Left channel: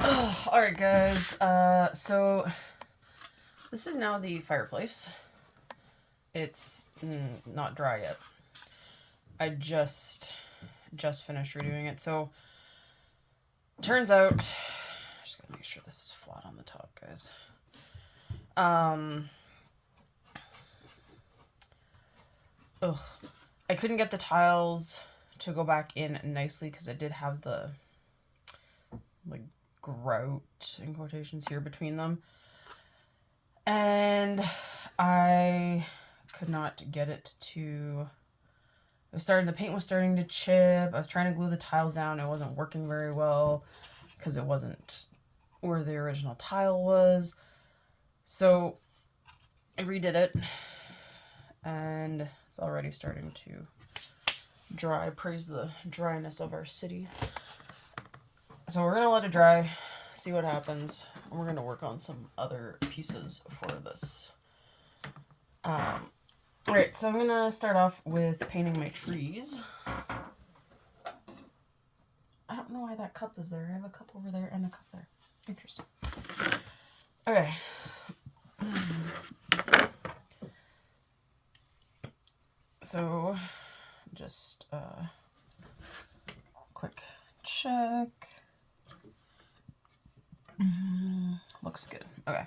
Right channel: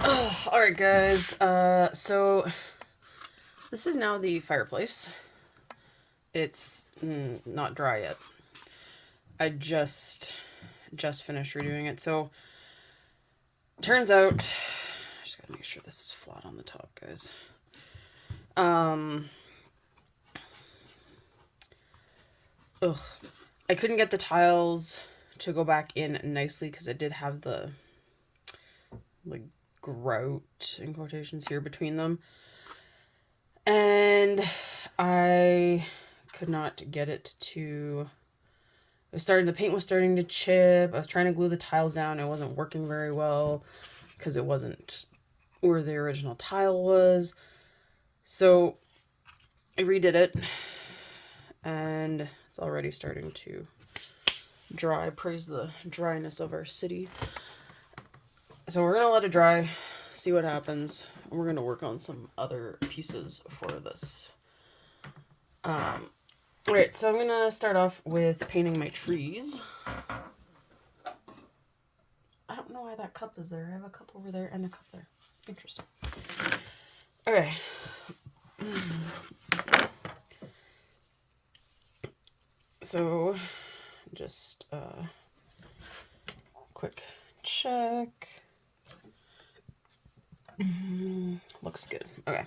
All right, guys. So this is now the fireplace. It's not dry yet. I just finished redoing it. So turns out, I just gotta make sure this is flat on the top, guys. Ugh, I couldn't get the tiles to go back in nicely because it did have the like grout in quotations here between them. And I could not get it to. The paint was starting to chip. I was trying to glue the tiles down. It wasn't working very well because it wasn't where the original tile was. So I redid it and it's already starting to dry. Praise the dryness of our city. So we're gonna let it dry, see what happens. We're gonna work on some other pieces for this. Alright, so I'm gonna start off with painting my trees. I don't know why that cup is there. I have a cup over there and a cup there. Interesting. Okay. So, just quick check. Looks good. Okay.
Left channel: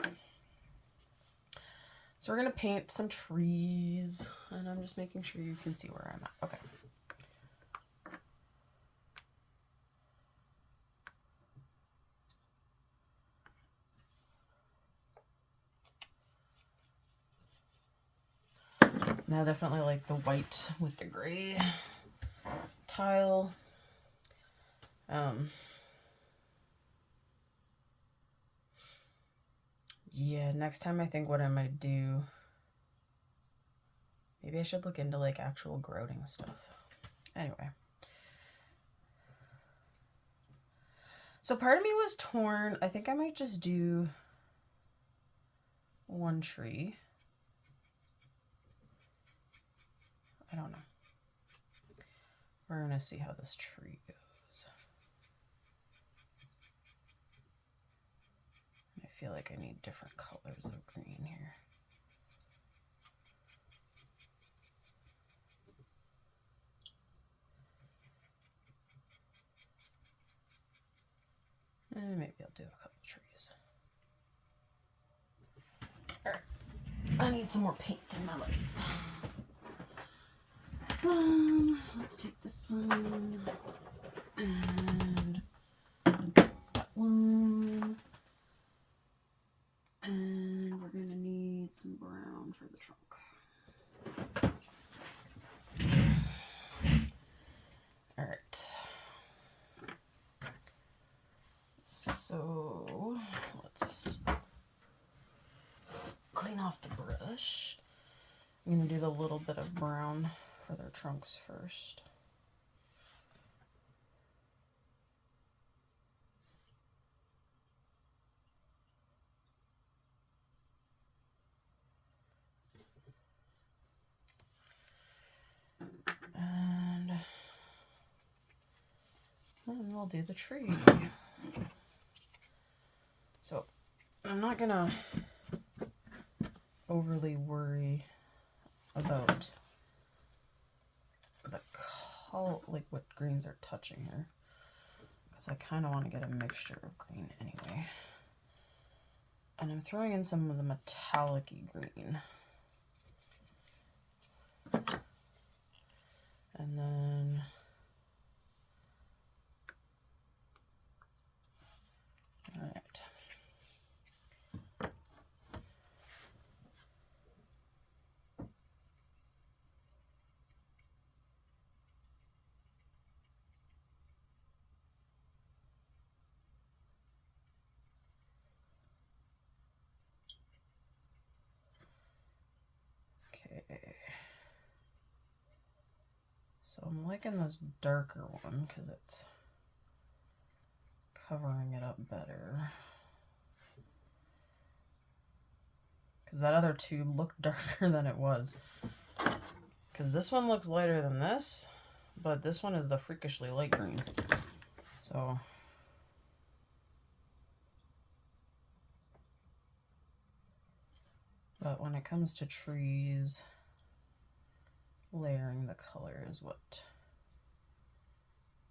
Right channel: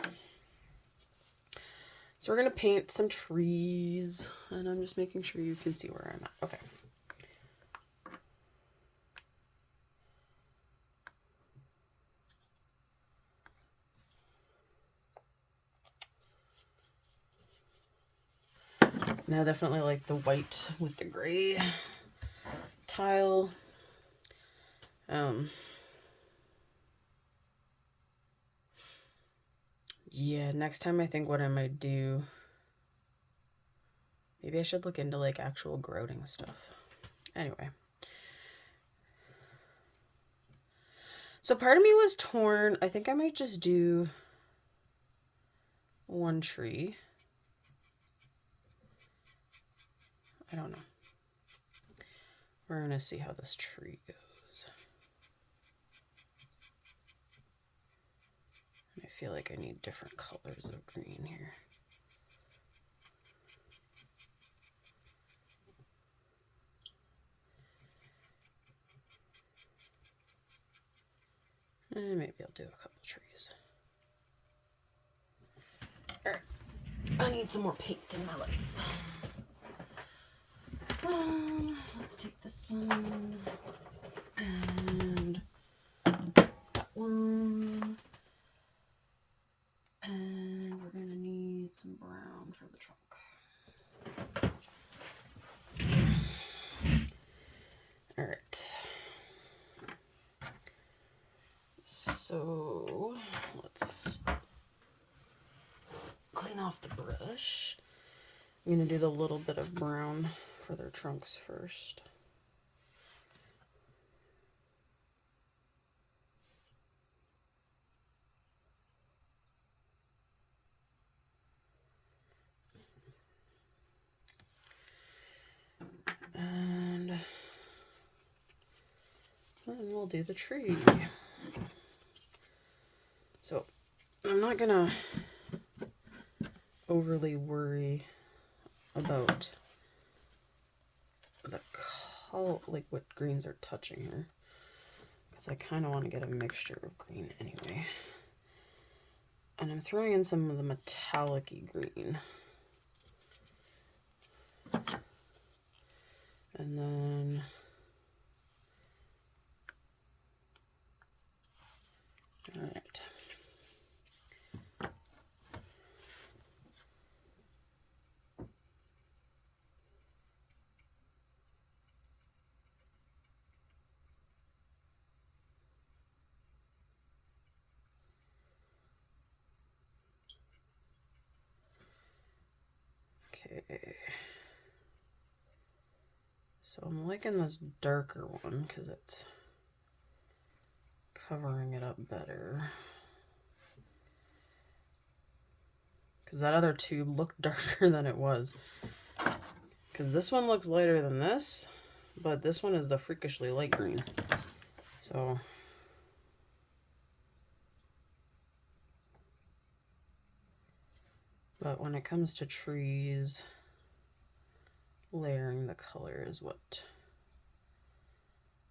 So we're gonna paint some trees, and I'm just making sure you can see where I'm at. Okay. Now, I definitely like the white with the gray tile. Yeah, next time I think what I might do, maybe I should look into like actual grouting stuff. Anyway. So part of me was torn. I think I might just do one tree. I don't know. We're going to see how this tree goes. I feel like I need different colors of green here. And maybe I'll do a couple trees. Alright. I need some more paint in my life. Let's take this one. And that one. And we're going to need some brown for the trunk. Alright. So let's clean off the brush. I'm going to do the little bit of brown for their trunks first. And then we'll do the tree. So I'm not going to overly worry about the color, like what greens are touching here, because I kind of want to get a mixture of green anyway. And I'm throwing in some of the metallic-y green. And then all right. Okay. So I'm liking this darker one because it's covering it up better. Because that other tube looked darker than it was. Because this one looks lighter than this, but this one is the freakishly light green. So But when it comes to trees, layering the color is what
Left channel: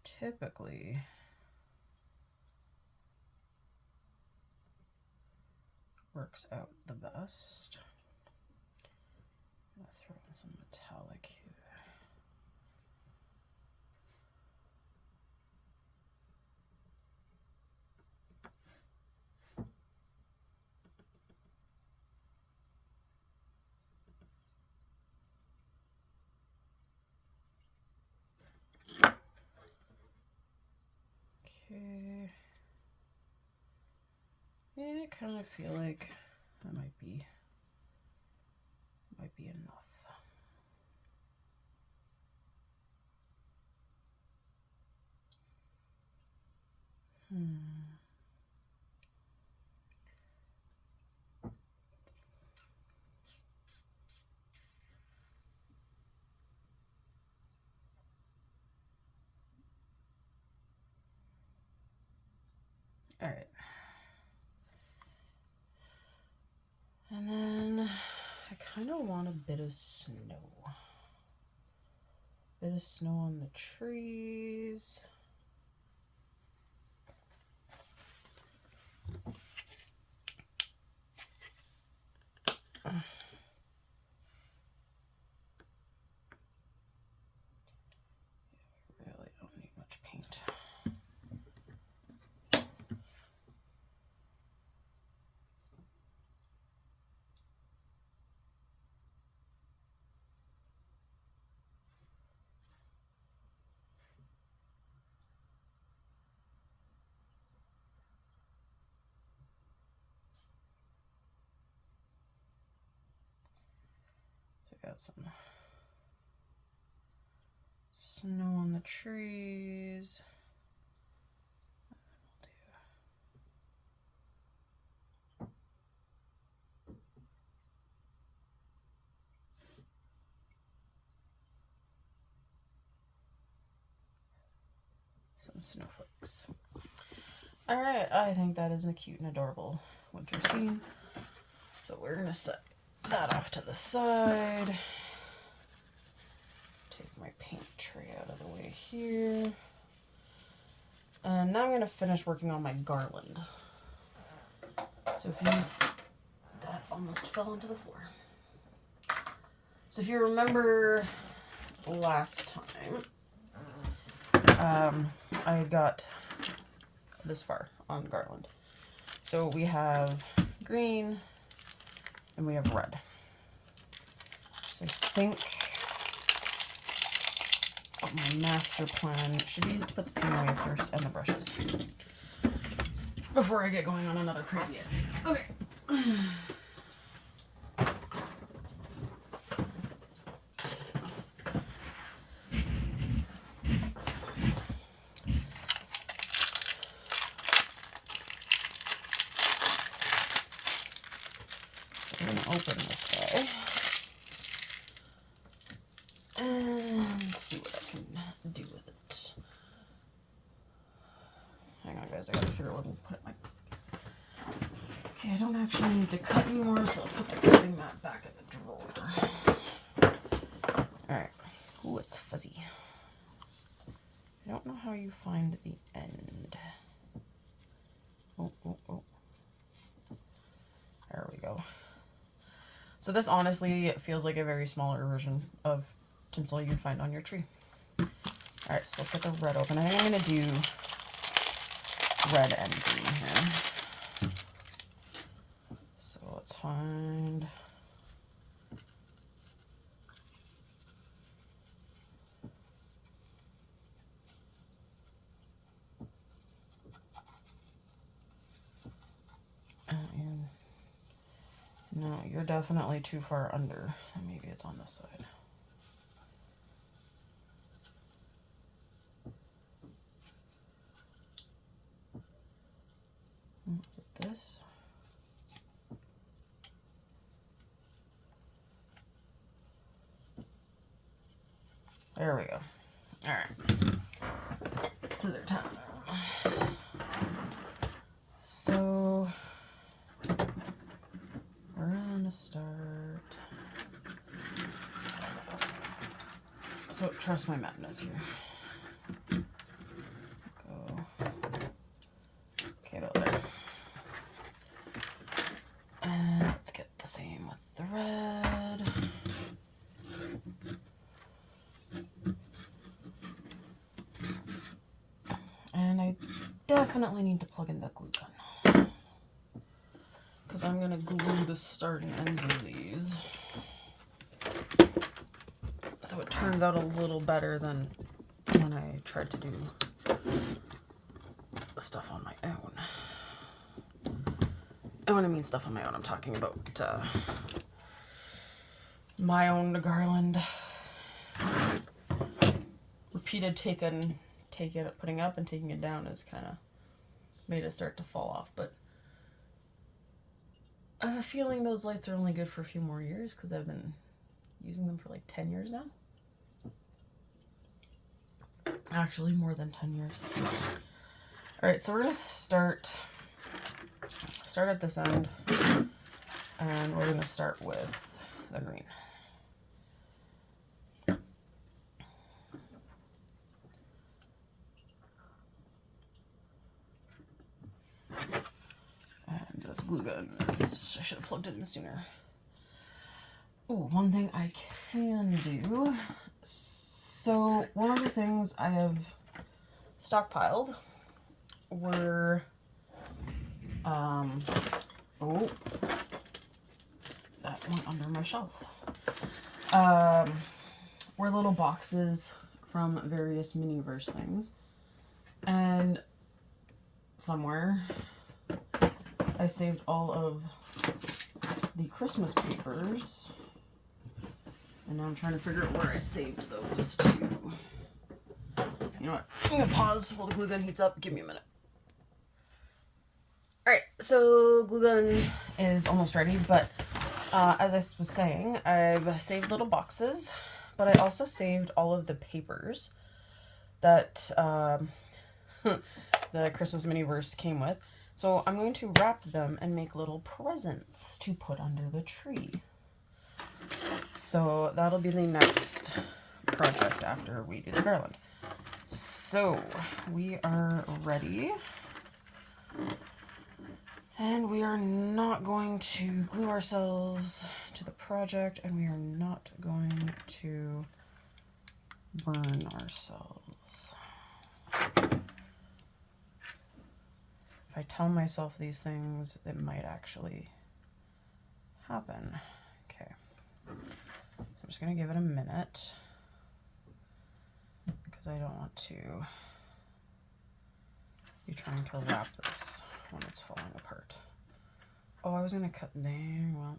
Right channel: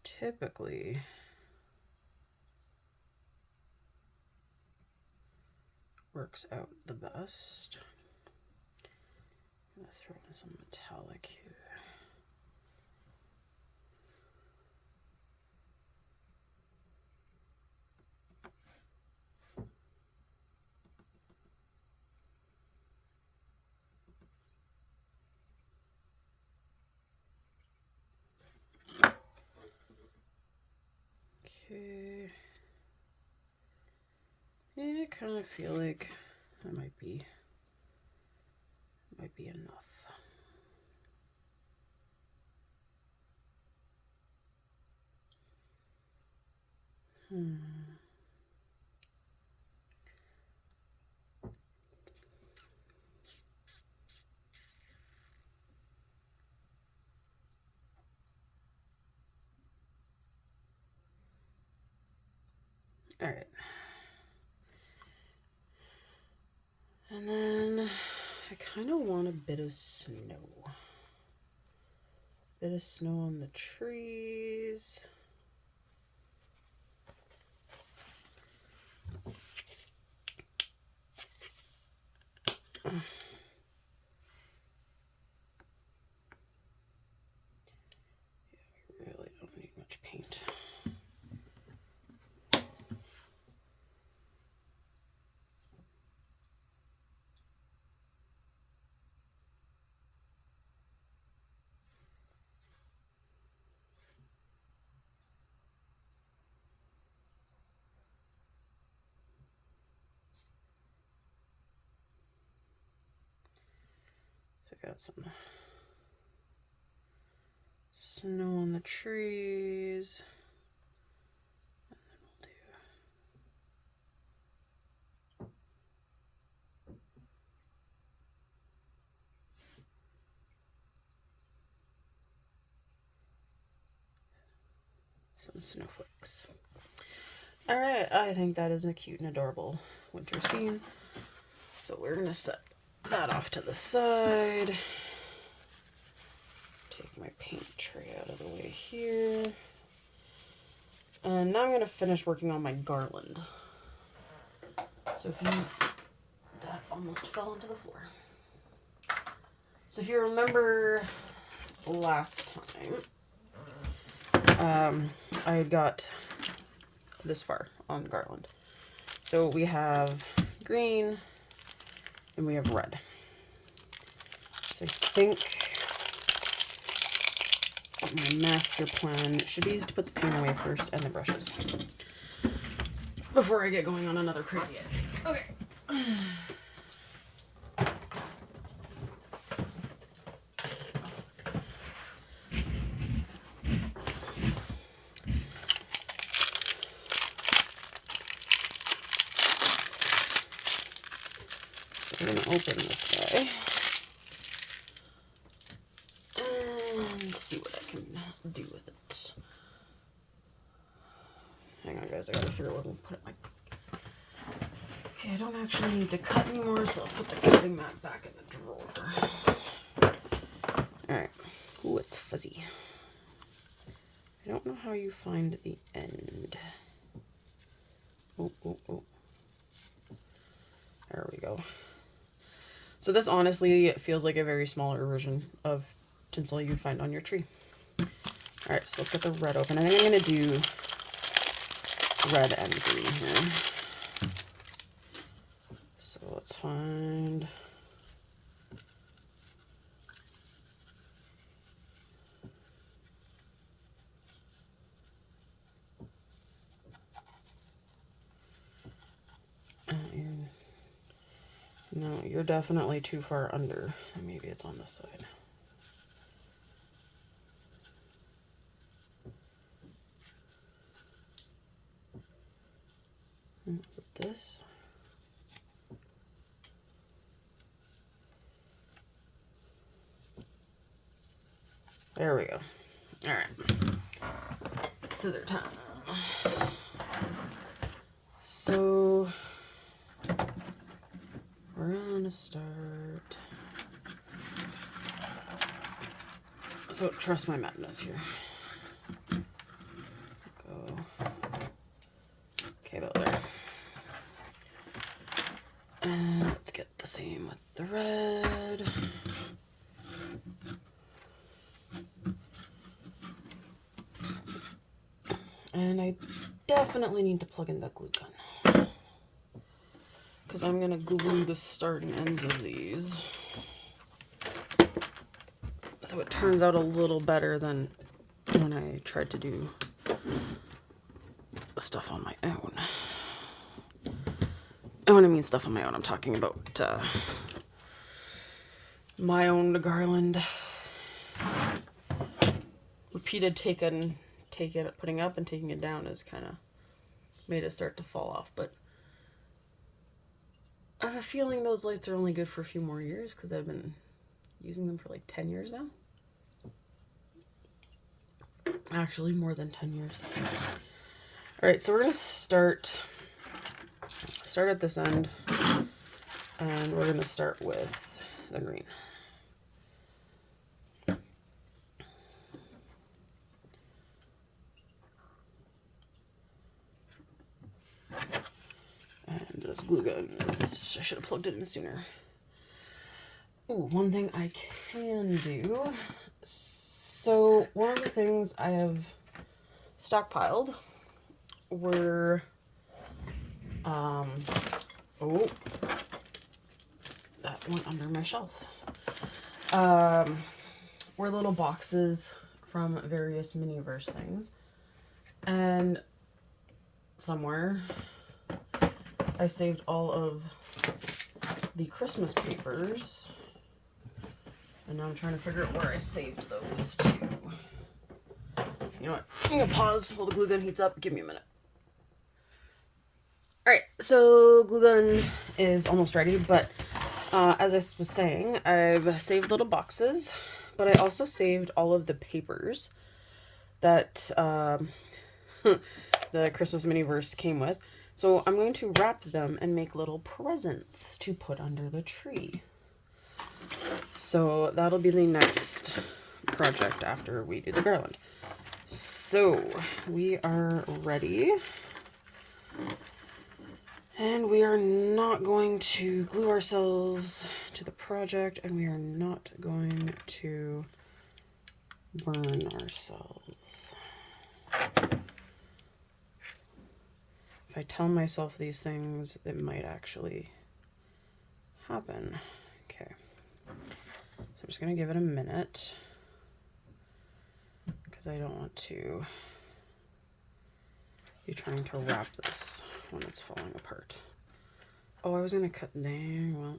typically works out the best. I'm going to throw in some metallic here. Okay. Yeah, I kind of feel like that might be enough. All right. And then I kind of want a bit of snow. Bit of snow on the trees. Really don't need much paint. So I got some snow on the trees. Some snowflakes. All right, I think that is a cute and adorable winter scene. So we're gonna set that off to the side. Take my paint tray out of the way here. And now I'm gonna finish working on my garland. So if you, that almost fell onto the floor. So if you remember last time, I got this far on garland. So we have green and we have red. So I think my master plan should be to put the paint away first and the brushes before I get going on another crazy edit. Okay. I'm going to open this guy and see what I can do with it. Hang on, guys, I gotta figure out where I'm gonna put it. Okay, I don't actually need to cut anymore, so let's put the cutting mat back in the drawer. Alright. Ooh, it's fuzzy. I don't know how you find the end. Oh. There we go. So this honestly feels like a very smaller version of tinsel you'd find on your tree. Alright, so let's get the red open. I think I'm going to do red and green here. So let's find... No, you're definitely too far under. Maybe it's on this side. Is it this? There we go. All right. Scissor time. So we're gonna start. So trust my madness here. Go. Okay, about there. And let's get the same with the red. And I definitely need to plug in the glue gun, because I'm going to glue the start and ends of these, so it turns out a little better than when I tried to do stuff on my own. And when I mean stuff on my own, I'm talking about my own garland. Repeated putting up and taking it down has kind of made it start to fall off, but I have a feeling those lights are only good for a few more years because I've been using them for like 10 years now. Actually, more than 10 years. All right, so we're gonna start at this end, and we're gonna start with the green. And this glue gun is, I should have plugged it in sooner. Ooh, one thing I can do. So one of the things I have stockpiled were, oh, that went under my shelf. Were little boxes from various Miniverse things. And somewhere I saved all of the Christmas papers. And now I'm trying to figure out where I saved those to. You know what? I'm gonna pause while the glue gun heats up. Give me a minute. Alright, so glue gun is almost ready, but as I was saying, I've saved little boxes, but I also saved all of the papers that the Christmas Miniverse came with. So I'm going to wrap them and make little presents to put under the tree. So that'll be the next project after we do the garland. So we are ready. And we are not going to glue ourselves to the project, and we are not going to burn ourselves. If I tell myself these things, it might actually happen. Okay. So I'm just going to give it a minute, because I don't want to be trying to wrap this when it's falling apart. Oh, I was going to cut. Dang, well.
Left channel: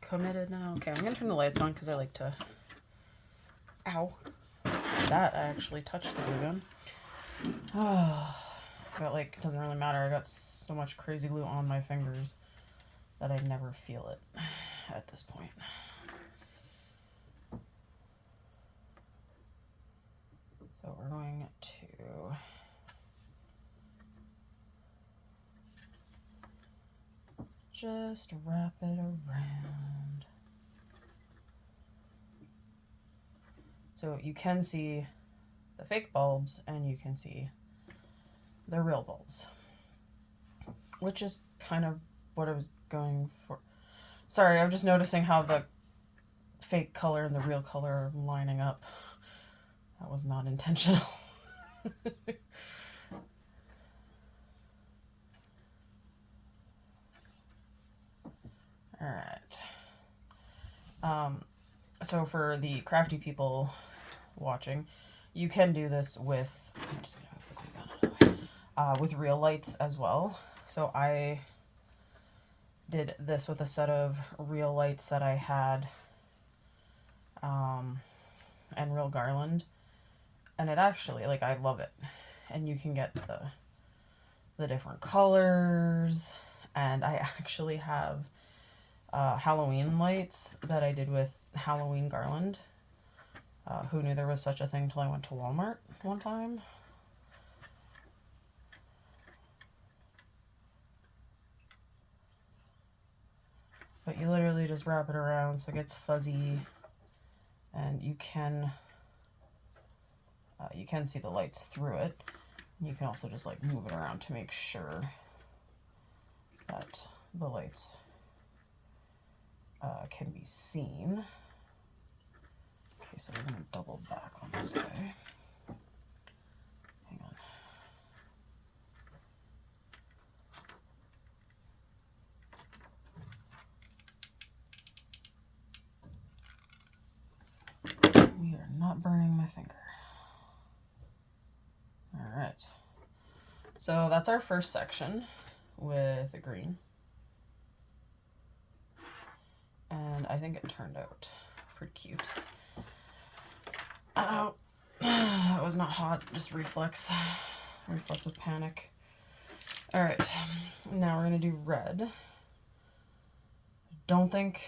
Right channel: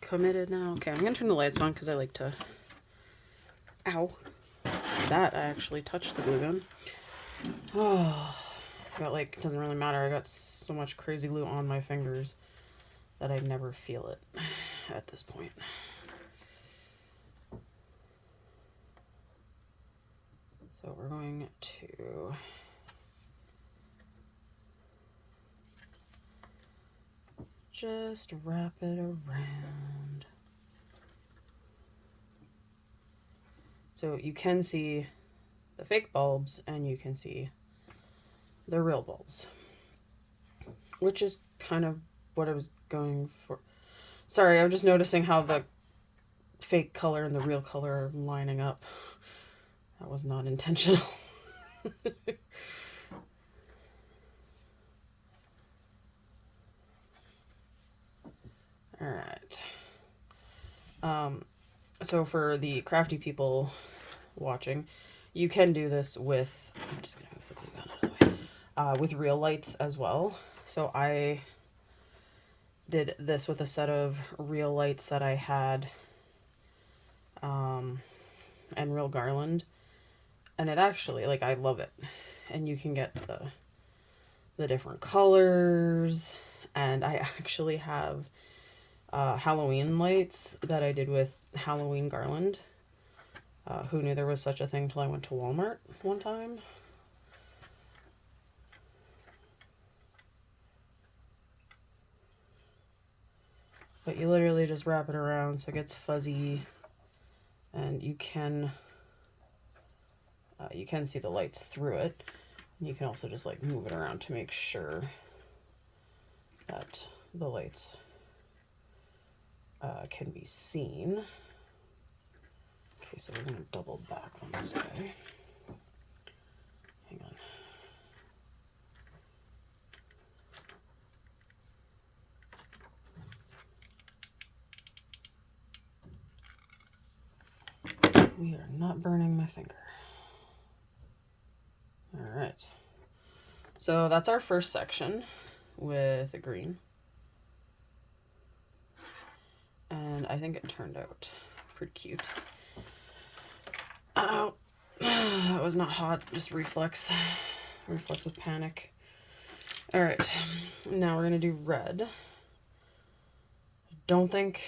Committed now. Okay, I'm going to turn the lights on because I like to. Ow. That I actually touched the glue gun. Oh. Got like, it doesn't really matter. I got so much crazy glue on my fingers that I never feel it at this point. So we're going to just wrap it around. So you can see the fake bulbs and you can see the real bulbs, which is kind of what I was going for. Sorry, I'm just noticing how the fake color and the real color are lining up. That was not intentional. All right. So for the crafty people watching, you can do this with, I'm just gonna move the glue gun out of the way, with real lights as well. So I did this with a set of real lights that I had, and real garland, and it actually, like, I love it. And you can get the different colors, and I actually have Halloween lights that I did with Halloween garland. Who knew there was such a thing till I went to Walmart one time. But you literally just wrap it around so it gets fuzzy, and you can see the lights through it. You can also just like move it around to make sure that the lights can be seen. Okay, so we're going to double back on this guy. Hang on. We are not burning my finger. All right. So that's our first section with the green. And I think it turned out pretty cute. Oh, that was not hot, just reflex of panic. All right, now we're gonna do red. Don't think,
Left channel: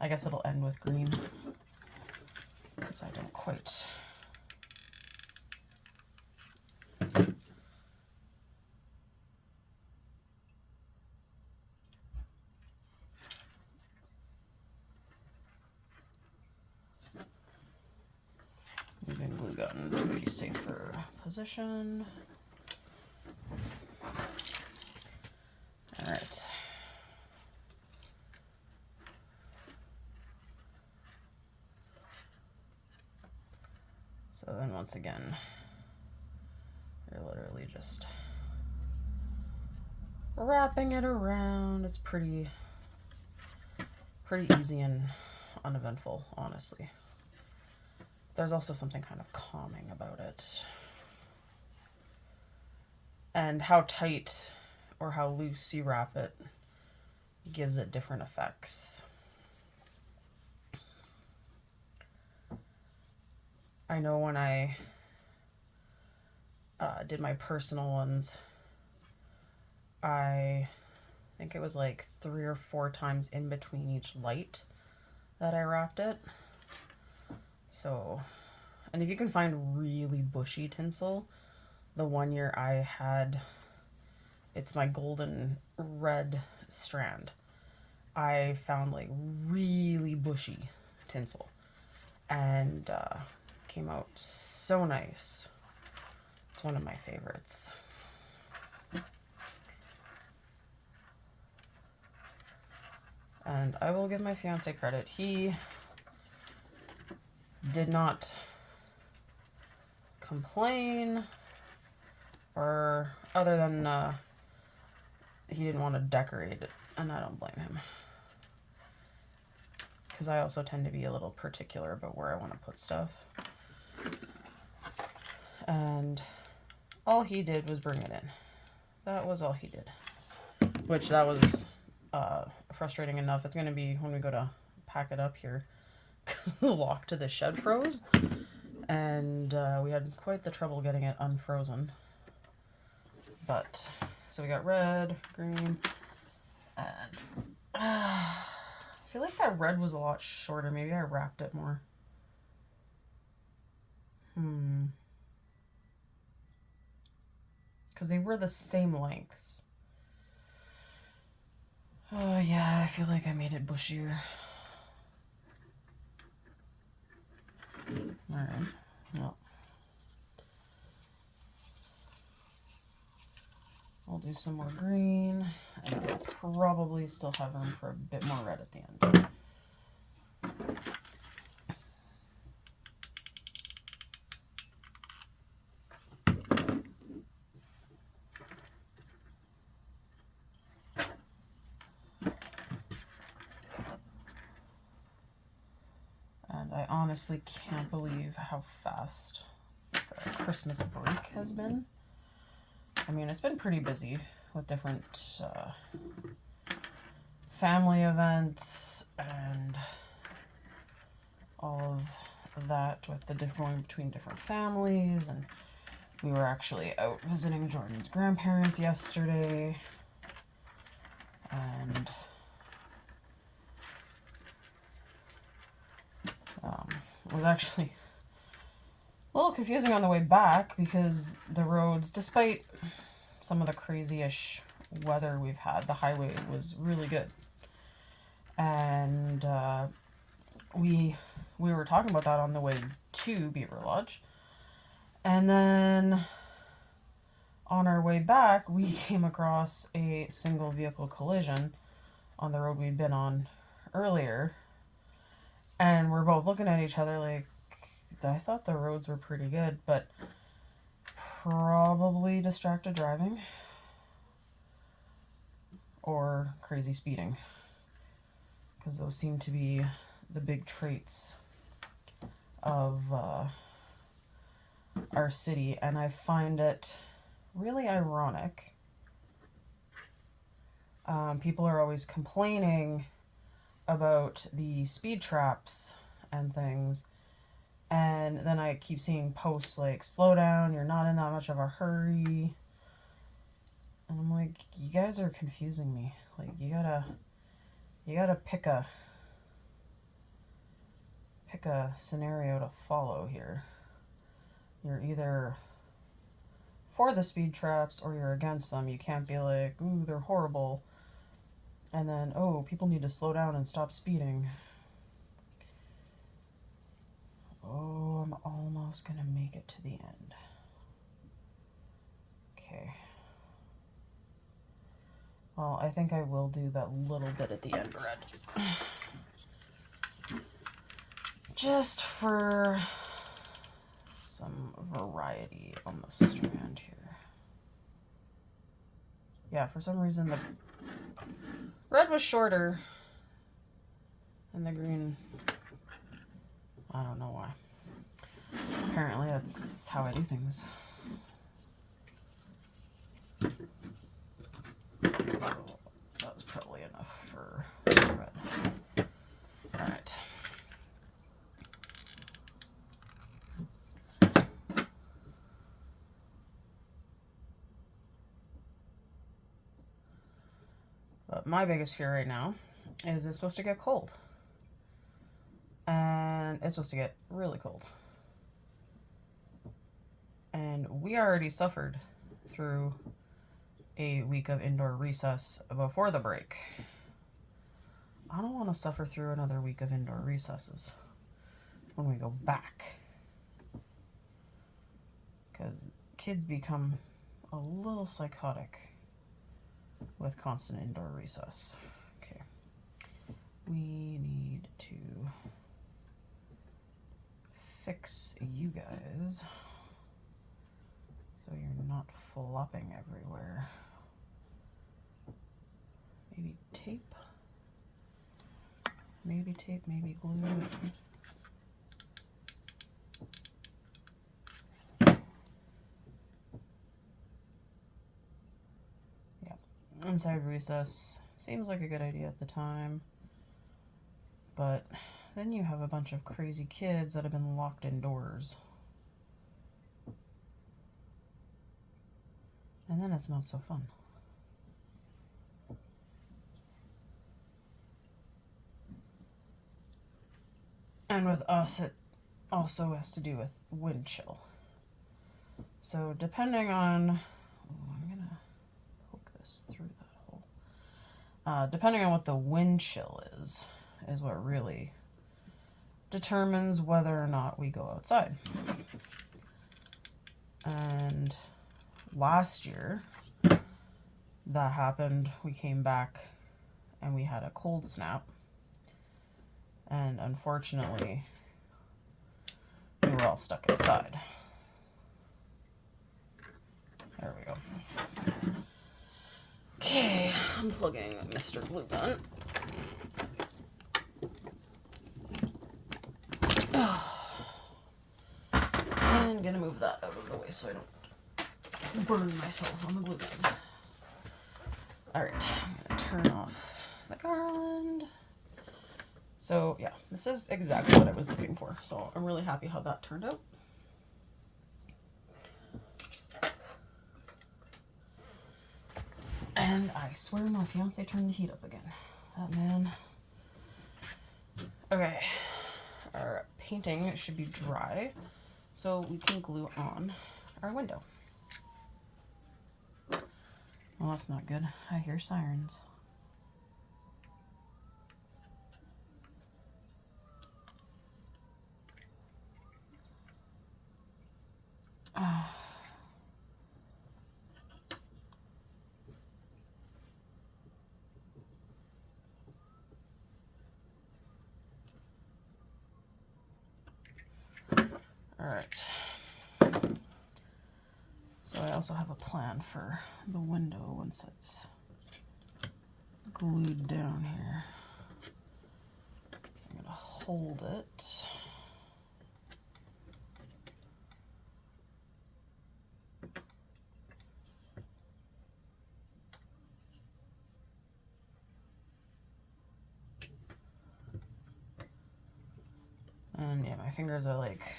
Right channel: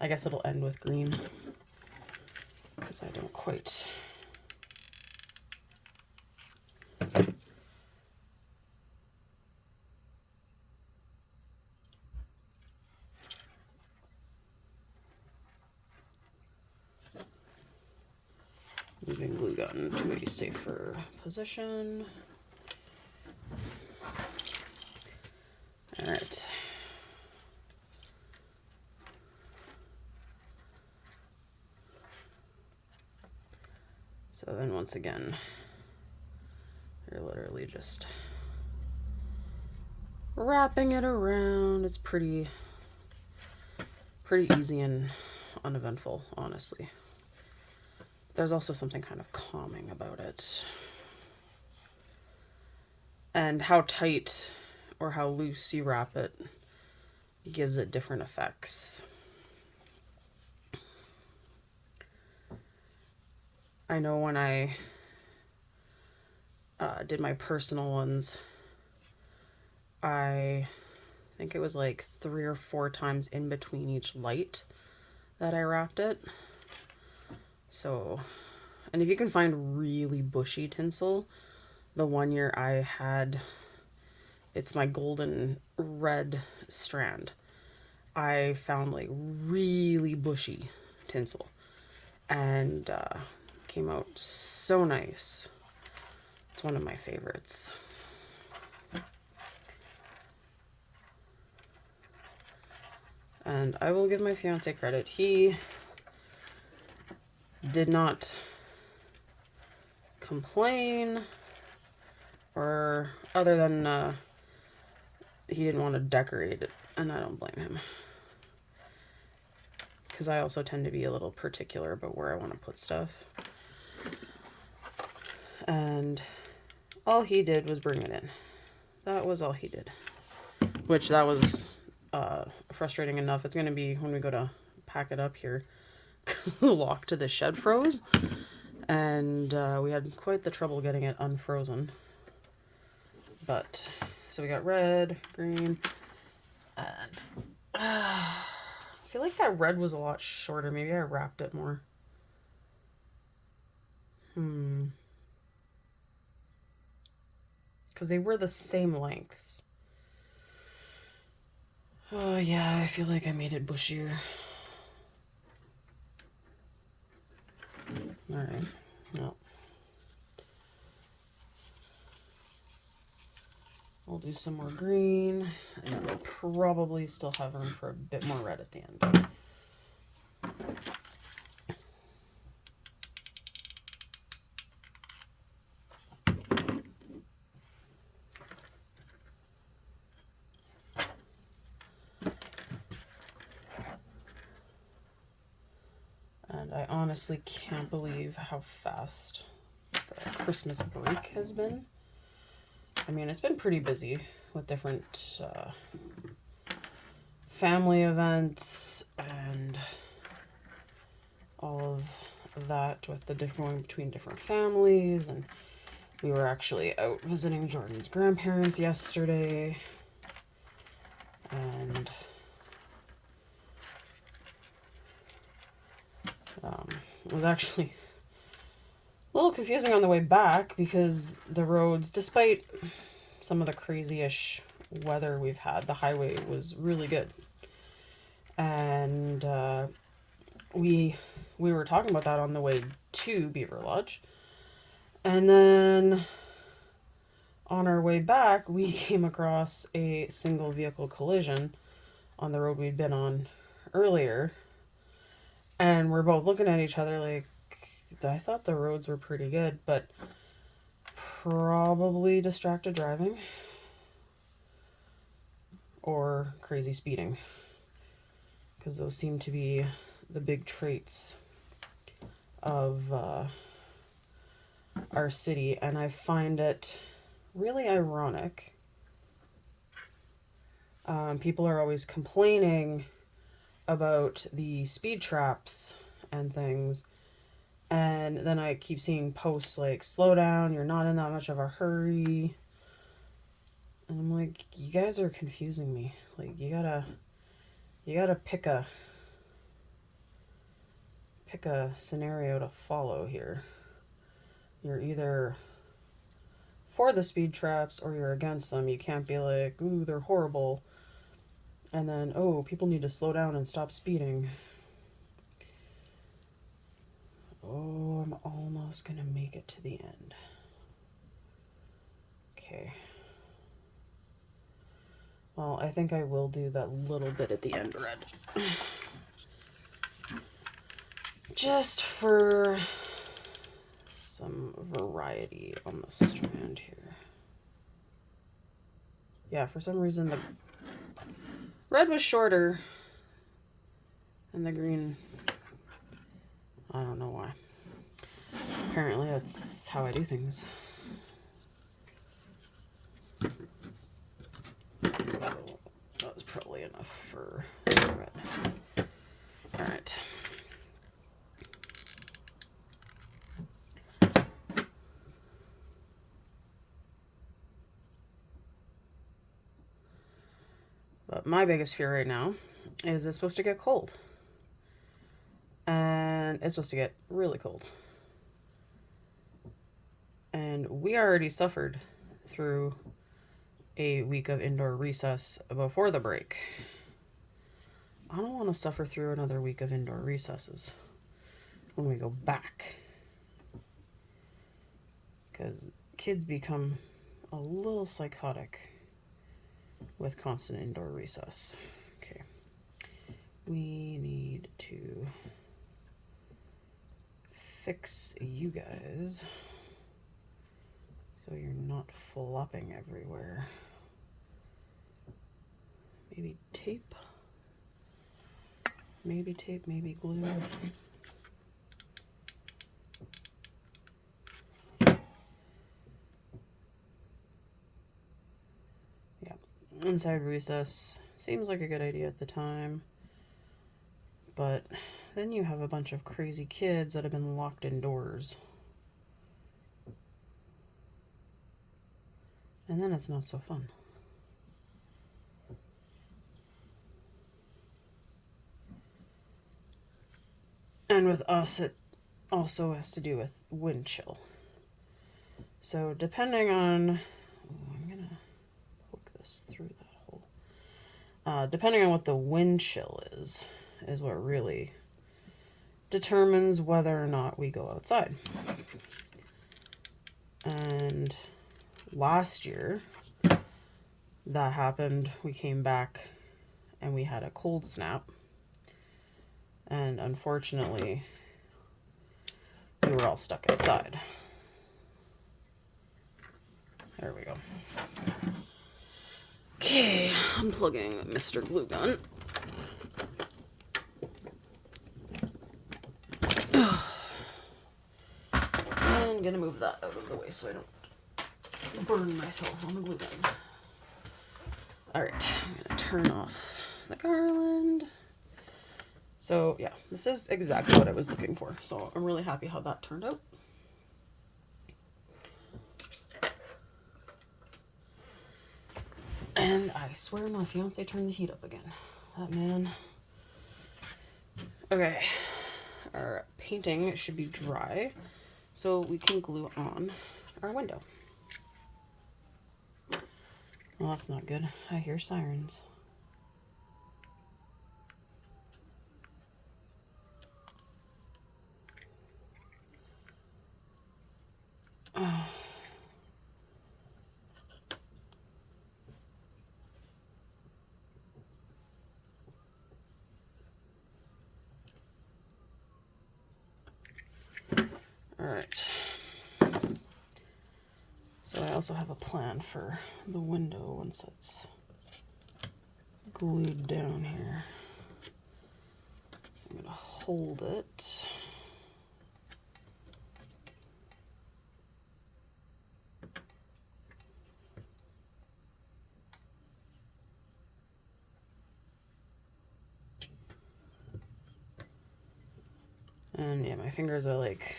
I guess it'll end with green because I don't quite. Moving glue gun to a safer position. All right. So then once again, you're literally just wrapping it around. It's pretty easy and uneventful, honestly. There's also something kind of calming about it. And how tight or how loose you wrap it gives it different effects. I know when I did my personal ones, I think it was like 3 or 4 times in between each light that I wrapped it. So, and if you can find really bushy tinsel, the one year I had, it's my golden red strand. I found like really bushy tinsel and came out so nice. It's one of my favorites. And I will give my fiance credit. He did not complain, or other than he didn't want to decorate it, and I don't blame him, because I also tend to be a little particular about where I want to put stuff. And all he did was bring it in. That was all he did, which that was frustrating enough. It's going to be when we go to pack it up here, because the lock to the shed froze, and we had quite the trouble getting it unfrozen. But so we got red, green, and I feel like that red was a lot shorter. Maybe I wrapped it more. Because they were the same lengths. Oh yeah, I feel like I made it bushier. Alright, well. We'll do some more green, and I'll probably still have room for a bit more red at the end. And I honestly can't believe how fast the Christmas break has been. I mean, it's been pretty busy with different family events and all of that, with the going between different families. And we were actually out visiting Jordan's grandparents yesterday, and it was actually a little confusing on the way back, because the roads, despite some of the crazy-ish weather we've had. The highway was really good. And we were talking about that on the way to Beaver Lodge. And then on our way back, we came across a single vehicle collision on the road we'd been on earlier. And we're both looking at each other like, I thought the roads were pretty good, but probably distracted driving or crazy speeding, because those seem to be the big traits of our city. And I find it really ironic. People are always complaining about the speed traps and things, and then I keep seeing posts like, slow down, you're not in that much of a hurry. And I'm like, you guys are confusing me. Like, you gotta pick a scenario to follow here. You're either for the speed traps or you're against them. You can't be like, ooh, they're horrible, and then, oh, people need to slow down and stop speeding. Oh, I'm almost gonna make it to the end. Okay. Well, I think I will do that little bit at the end red. Just for some variety on the strand here. Yeah, for some reason the red was shorter and the green, I don't know why. Apparently that's how I do things. So that's probably enough for red. Alright. But my biggest fear right now is it's supposed to get cold. And it's supposed to get really cold. And we already suffered through a week of indoor recess before the break. I don't want to suffer through another week of indoor recesses when we go back, because kids become a little psychotic with constant indoor recess. Okay, we need to fix you guys so you're not flopping everywhere. Maybe tape, maybe glue. Yeah, inside recess seems like a good idea at the time, but then you have a bunch of crazy kids that have been locked indoors. And then it's not so fun. And with us, it also has to do with wind chill. So depending on, I'm gonna poke this through that hole. Depending on what the wind chill is what really determines whether or not we go outside. And last year, that happened. We came back and we had a cold snap. And unfortunately, we were all stuck inside. There we go. Okay, I'm plugging Mr. Glue Gun. And gonna move that out of the way so I don't burn myself on the glue gun. Alright, I'm gonna turn off the garland. So yeah, this is exactly what I was looking for. So I'm really happy how that turned out. And I swear my fiance turned the heat up again. That man. Okay, our painting should be dry, so we can glue on our window. Well, that's not good. I hear sirens. Oh. All right. So I also have a plan for the window once it's glued down here. So I'm going to hold it. And yeah, my fingers are like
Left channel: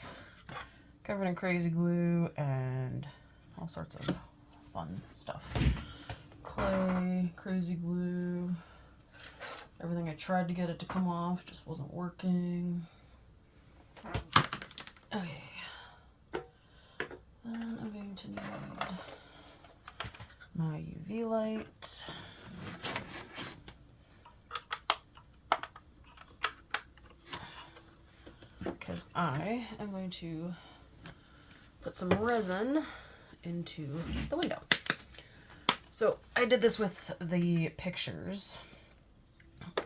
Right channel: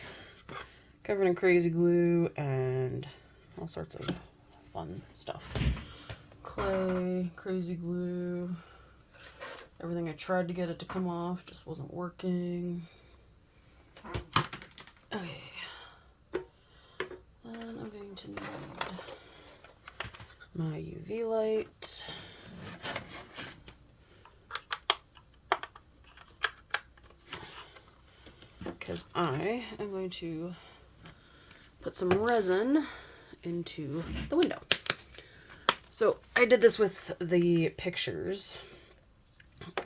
covered in crazy glue and all sorts of fun stuff. Clay, crazy glue, everything I tried to get it to come off just wasn't working. Okay. Then I'm going to need my UV light. Because I am going to put some resin into the window. So I did this with the pictures,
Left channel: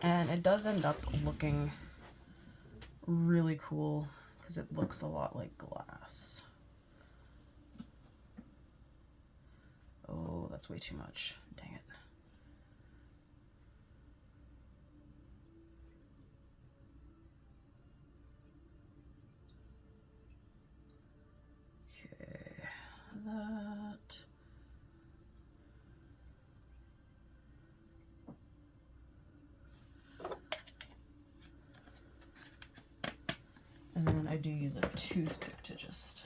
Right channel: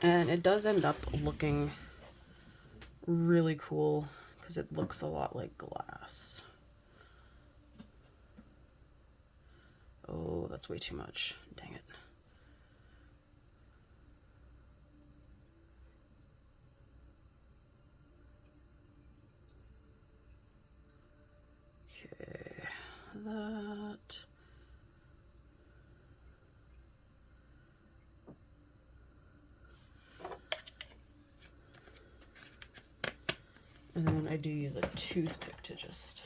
and it does end up looking really cool because it looks a lot like glass. Oh, that's way too much. Dang it. Okay, that. And then I do use a toothpick to just...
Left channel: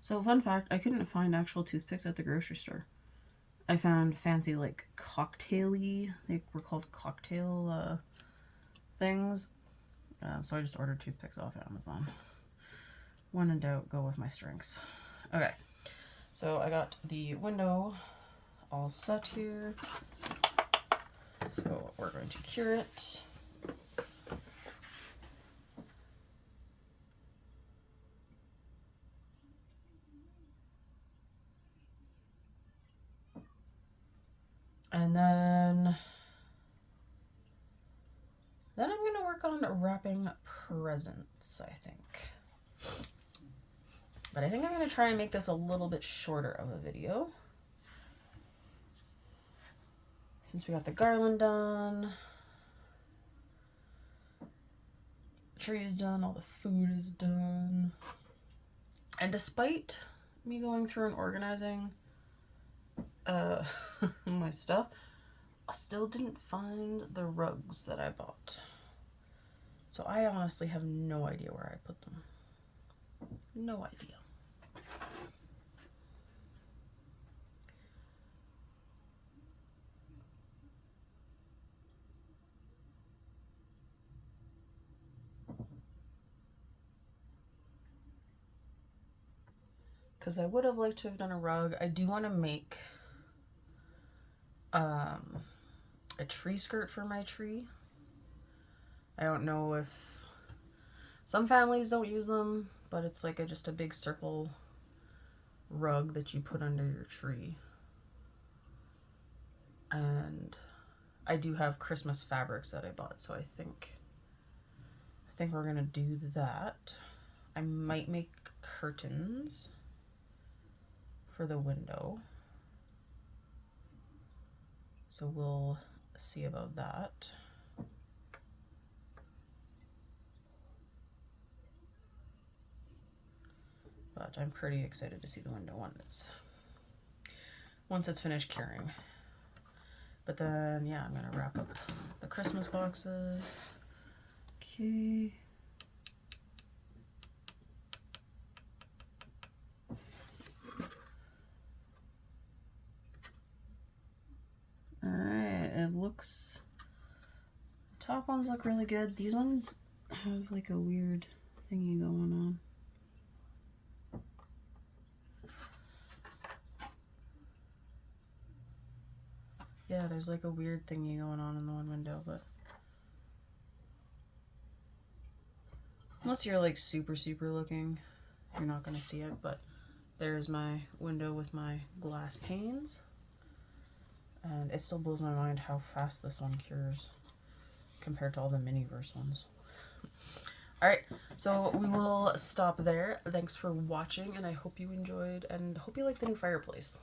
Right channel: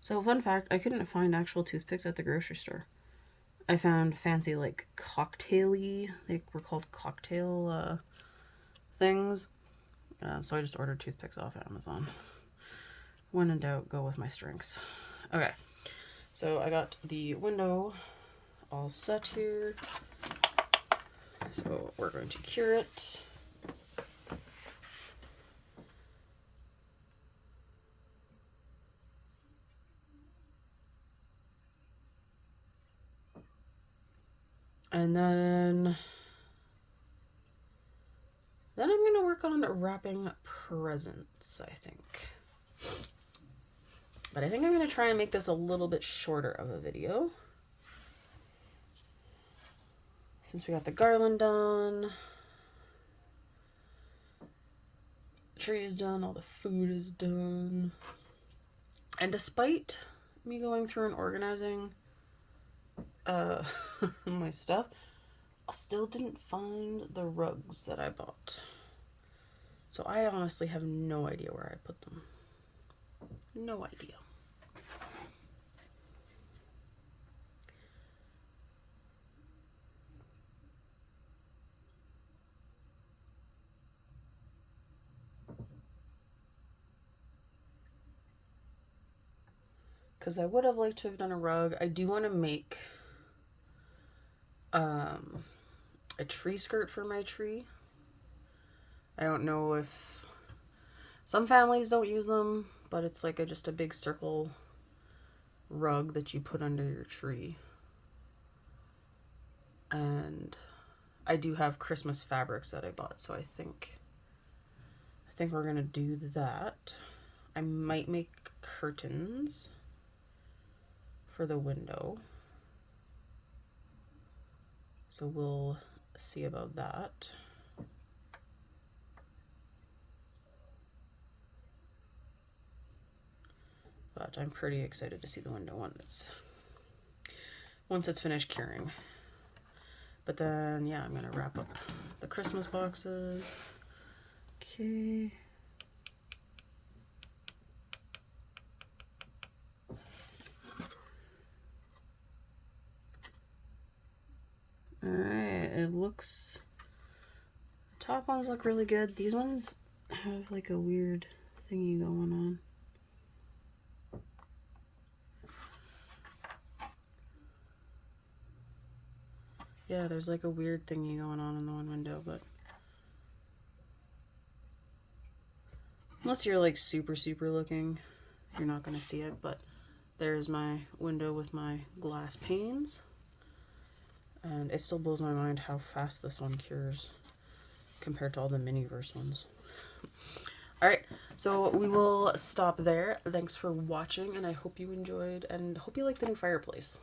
So fun fact, I couldn't find actual toothpicks at the grocery store. I found fancy like cocktail-y, they were called cocktail things. So I just ordered toothpicks off Amazon. When in doubt, go with my strengths. Okay, so I got the window all set here. So we're going to cure it. And then I'm going to work on wrapping presents, I think. But I think I'm going to try and make this a little bit shorter of a video. Since we got the garland done, the tree is done, all the food is done. And despite me going through and organizing my stuff, I still didn't find the rugs that I bought. So I honestly have no idea where I put them. No idea. Because I would have liked to have done a rug. I do want to make a tree skirt for my tree. I don't know if some families don't use them, but it's like just a big circle rug that you put under your tree. And I do have Christmas fabrics that I bought, so I think we're gonna do that. I might make curtains for the window, so we'll see about that. But I'm pretty excited to see the window once it's finished curing. But then, yeah, I'm gonna wrap up the Christmas boxes. Okay. Alright, it looks... Top ones look really good. These ones have like a weird thingy going on. Yeah, there's like a weird thingy going on in the one window, but unless you're like super looking, you're not gonna see it. But there's my window with my glass panes, and it still blows my mind how fast this one cures compared to all the Miniverse ones. Alright, so we will stop there. Thanks for watching, and I hope you enjoyed, and hope you like the new fireplace.